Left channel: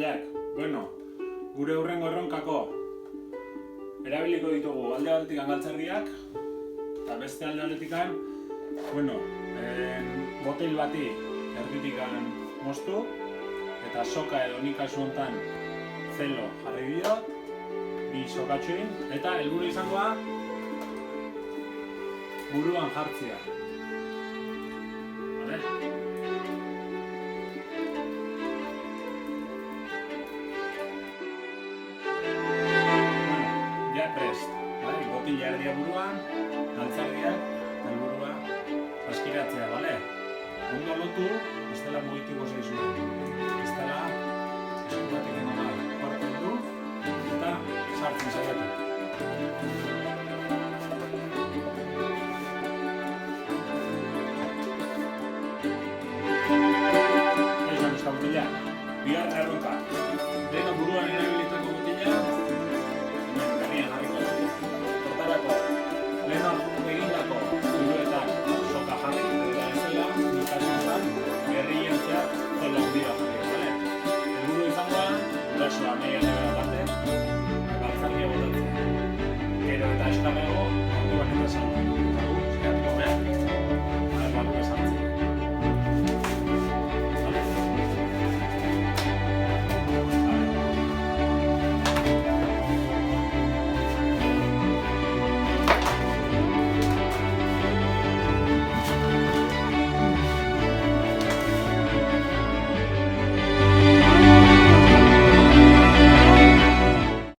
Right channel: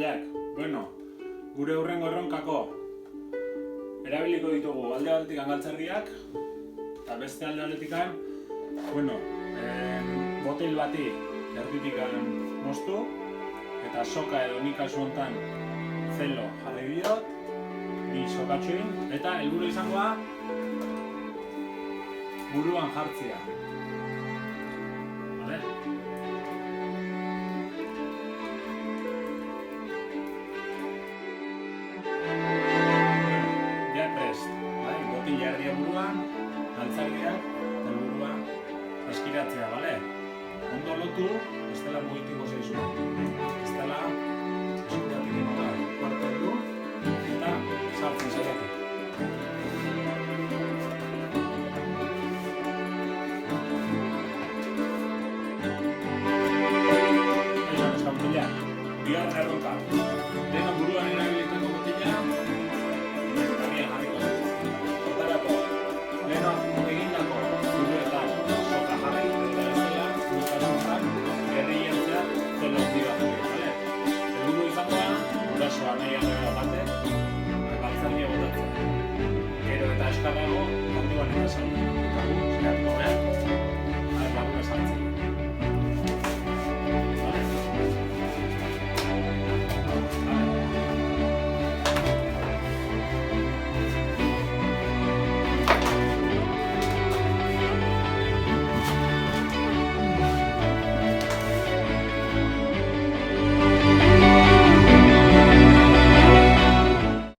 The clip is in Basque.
mutilak, gure hurrengo erronkako erabiliko ditugu alde batetik galtzerdiak eta beste alde batetik botil bati erditik moztu eta soka edo nik kasu honetan zelo jarri diot, bi sokatxoin eta helburu izangoa buruan jartzea. Vale? Ja prest, botila erdia buruan, galtzerdiak eta helburua askiratzea, bale? Ondo lotu, ez dela mugitiko zaizu. Ez dela esku batik inola kuartu heldu eta sartzen saiatu. Esan ez da botila, bigarren erronka. Lehena buruan erabilitako botila, berrian jarriko du. Hortarako, lehena egindako buruetan soka jarri, eta ez dela, nik kasunetan, gerri jertzea zelo handi bat jarri, bale? Helburu izangoa, gurasoa nahi alde batek,